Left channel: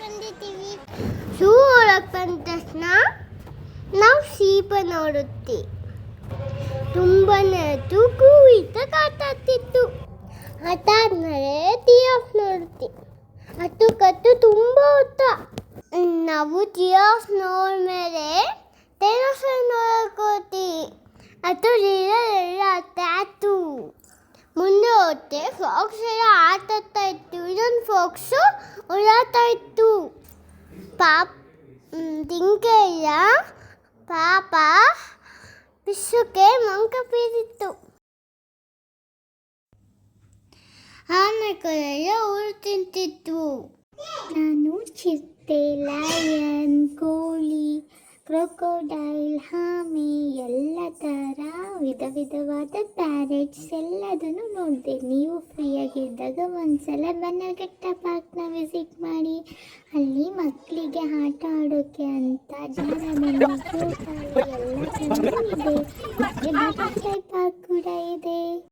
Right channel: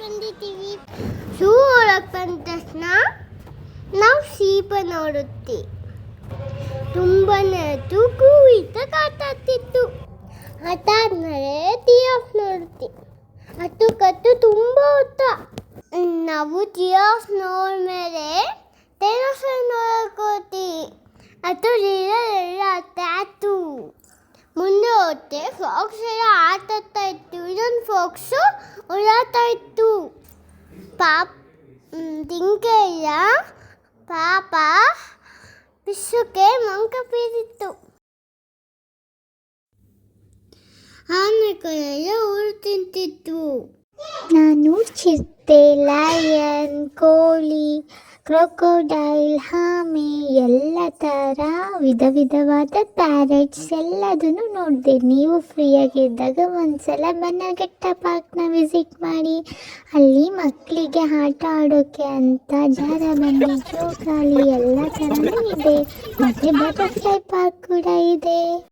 ಬಂದಿದ್ದೀವಿ. ಝೂ ಒಳಗೆ ಬಂದ ತಕ್ಷಣ ನಾವು ಸೀಪ ನೋಡುತ್ತೀವಿ. ತುಂಬಾನೇ ತೂಕುವಿತ ಕಾಟಾಗ್ತಿತ್ತು. ಅದಾದ್ಮೇಲೆ ಜಿರಾಫ್ ನೋಡುತ್ತೀವಿ. ಅದು ಕತ್ತು ತುಂಬ ಉದ್ದ. ನಾವು ಜಿರಾಫ್ ನೋಡ್ಮೇಲೆ ಡೈನೋಸರ್ ನೋಡ್ಕೋತೀವಿ. ಅದು ಟ್ಯಾಟು. ಮುಂದೆ ಹೋಗ್ತೆ ಫಾಕ್ಸ್ ಎಲ್ಲ ಆಟಾಡ್ತಾ ಇತ್ತು. ಇನ್ನೊಂದು ಫಾಕ್ಸು ಓಡಾಡ್ತಾ ಇತ್ತು. ಜಿಂಕೆಯ ಪಾಪ ಪಿಸುಕ್ಕೆ ಮಂಕ ಬೀರಿತ್ತು. ಆನೆಗಳೆಲ್ಲ ಊರು ತಿಂತಿದ್ವು. ನಾನು ಚಿರತೆ, ಲಯನ್, ಕೋಳಿ, ಕ್ರೊಕೊಡೈಲ್, ಆಮೆ ಎಲ್ಲ ಥರ ವಿಧವಾದ ಪ್ಯಾರೆಟ್ಸ್ ಎಲ್ಲದನ್ನು ನೋಡಿದೆ. ನೀವು ಫ್ರೀಯಾಗಿದ್ದಾಗ ಒಂದ್ಸಲ ಬನ್ನರ್ಘಟ್ಟ ಪಾರ್ಕ್ನ ವಿಸಿಟ್ ಮಾಡಿ. ಅಲ್ಲಿ ಮಕ್ಕಳಿಗೆ ಆಟ ಆಡೋಕ್ಕೆ ಅಂತ ಜಾರಬಂಡಿ, ಜೋಕಾಲಿ ಎಲ್ಲ ಥರನೂ ಇದೆ. ಮತ್ತು ಬಟರ್ಫ್ಲೈ ಪಾರ್ಕ್ ಕೂಡ ಇದೆ.